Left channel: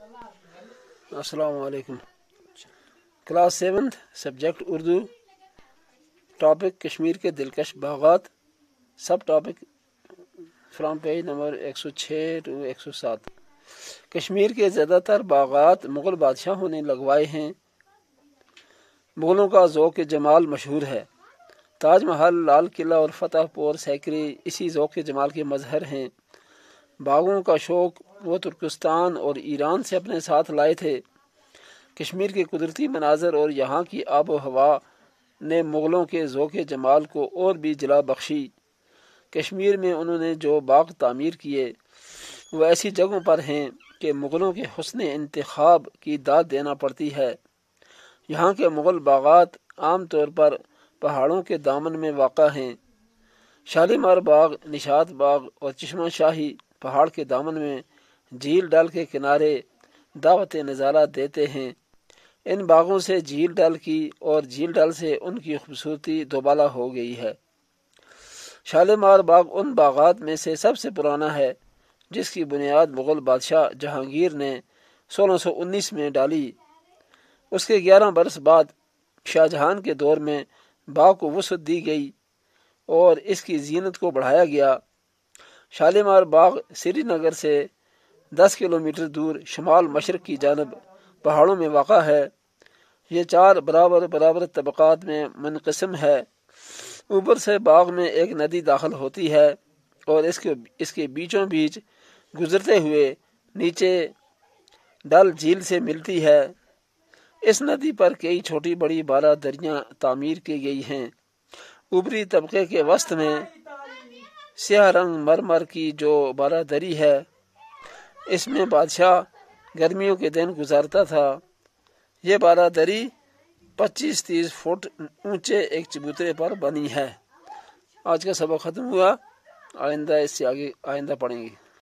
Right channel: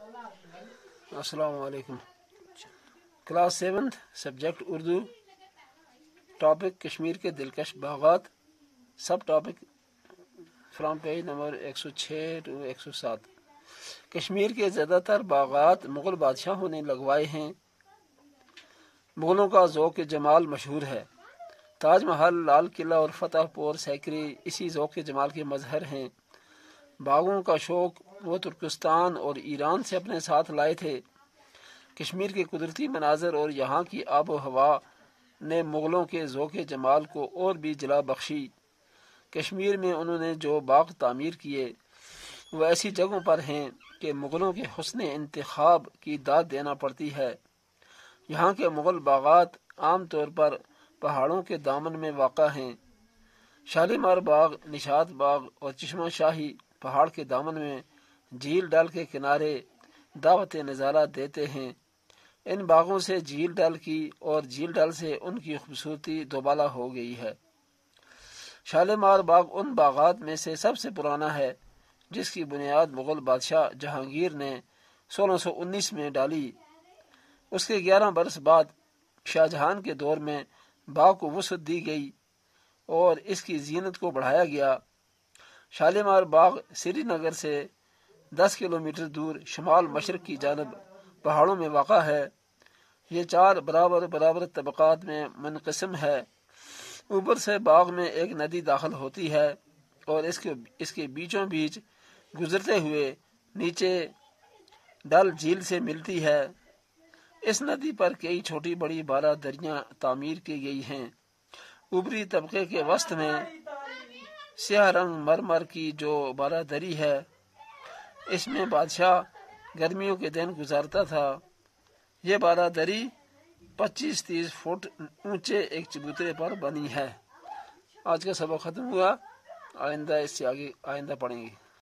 अस्सलाम वालेकुम। Class 7 subject Urdu, topic Kashmir के दिलकश बागात, sub topic from page number 106 to 107। Kashmir के ज़्यादातर बागात मुग़ल बादशाहों ने लगवाए हैं। मुग़लों का ज़ौक़ जमाल मशहूर है। ताज महल, लाल किला और फतेहपुर सीकरी इसी ज़ौक़ जमाल के मज़हर हैं। बागों का शौक़ वो तुर्किस्तान और ईरान से अपने साथ लाए थे। कश्मीर के कुदरती मनाजर और यहाँ की आब व हवा ने मुग़लों के ज़ौक़ जमाल को और भी जला बख्शी। कश्मीर में उन्होंने जो बाग तामीर किए वो ऐसी जगहों पर हैं कि मुग़लों के हुस्न इंतखाब की दाद देना पड़ती है। यहाँ के मुग़ल बागात आम तौर पर पहाड़ों के दामन में वाक़ा हैं। शालीमार बाग, निशात बाग और चश्मा शाही पहाड़ के दामन में झील डल के किनारे दावत नज़ारा देते हैं। इन बागों से झील डल की और झील डल से उनकी खूबसूरती दोबाला हो गई है। शालीमार बाग उन बागात में से सबसे पुराना है जिसकी बुनियाद मुग़ल बादशाह जहांगीर ने 1619 में डाली। उसके 11 बरस बाद शाहजहां के दौर में बाग को वसअत दी गई और इसकी जीनत को बढ़ाया गया। शालीमार बाग श्रीनगर से 10 किलोमीटर दूर शुमाल मशरक की जानब पहाड़ों में वाक़ा है। ये 4 बराबर तबक़ात में मुनक़सिम है। ऊपर से बाग में एक नदी दाखिल होती है और इसके बीचों बीच गुजरते हुए नीचे डल झील से मिलती है। इस नदी पर कई छोटी बड़ी 12 दरियाँ तामीर की गई हैं। ऊपरी तबके के वस्त में स्याह रंग मरमर की जो 12 दरी है, इसमें बादशाह गर्मियों के दिन गुजारता था। ये 12 दरी 25-30 फुट ऊंचे एक चबूतरे पर बनी है। आज का सबक खत्म हुआ। आइंदा इससे आगे पढ़ेंगे।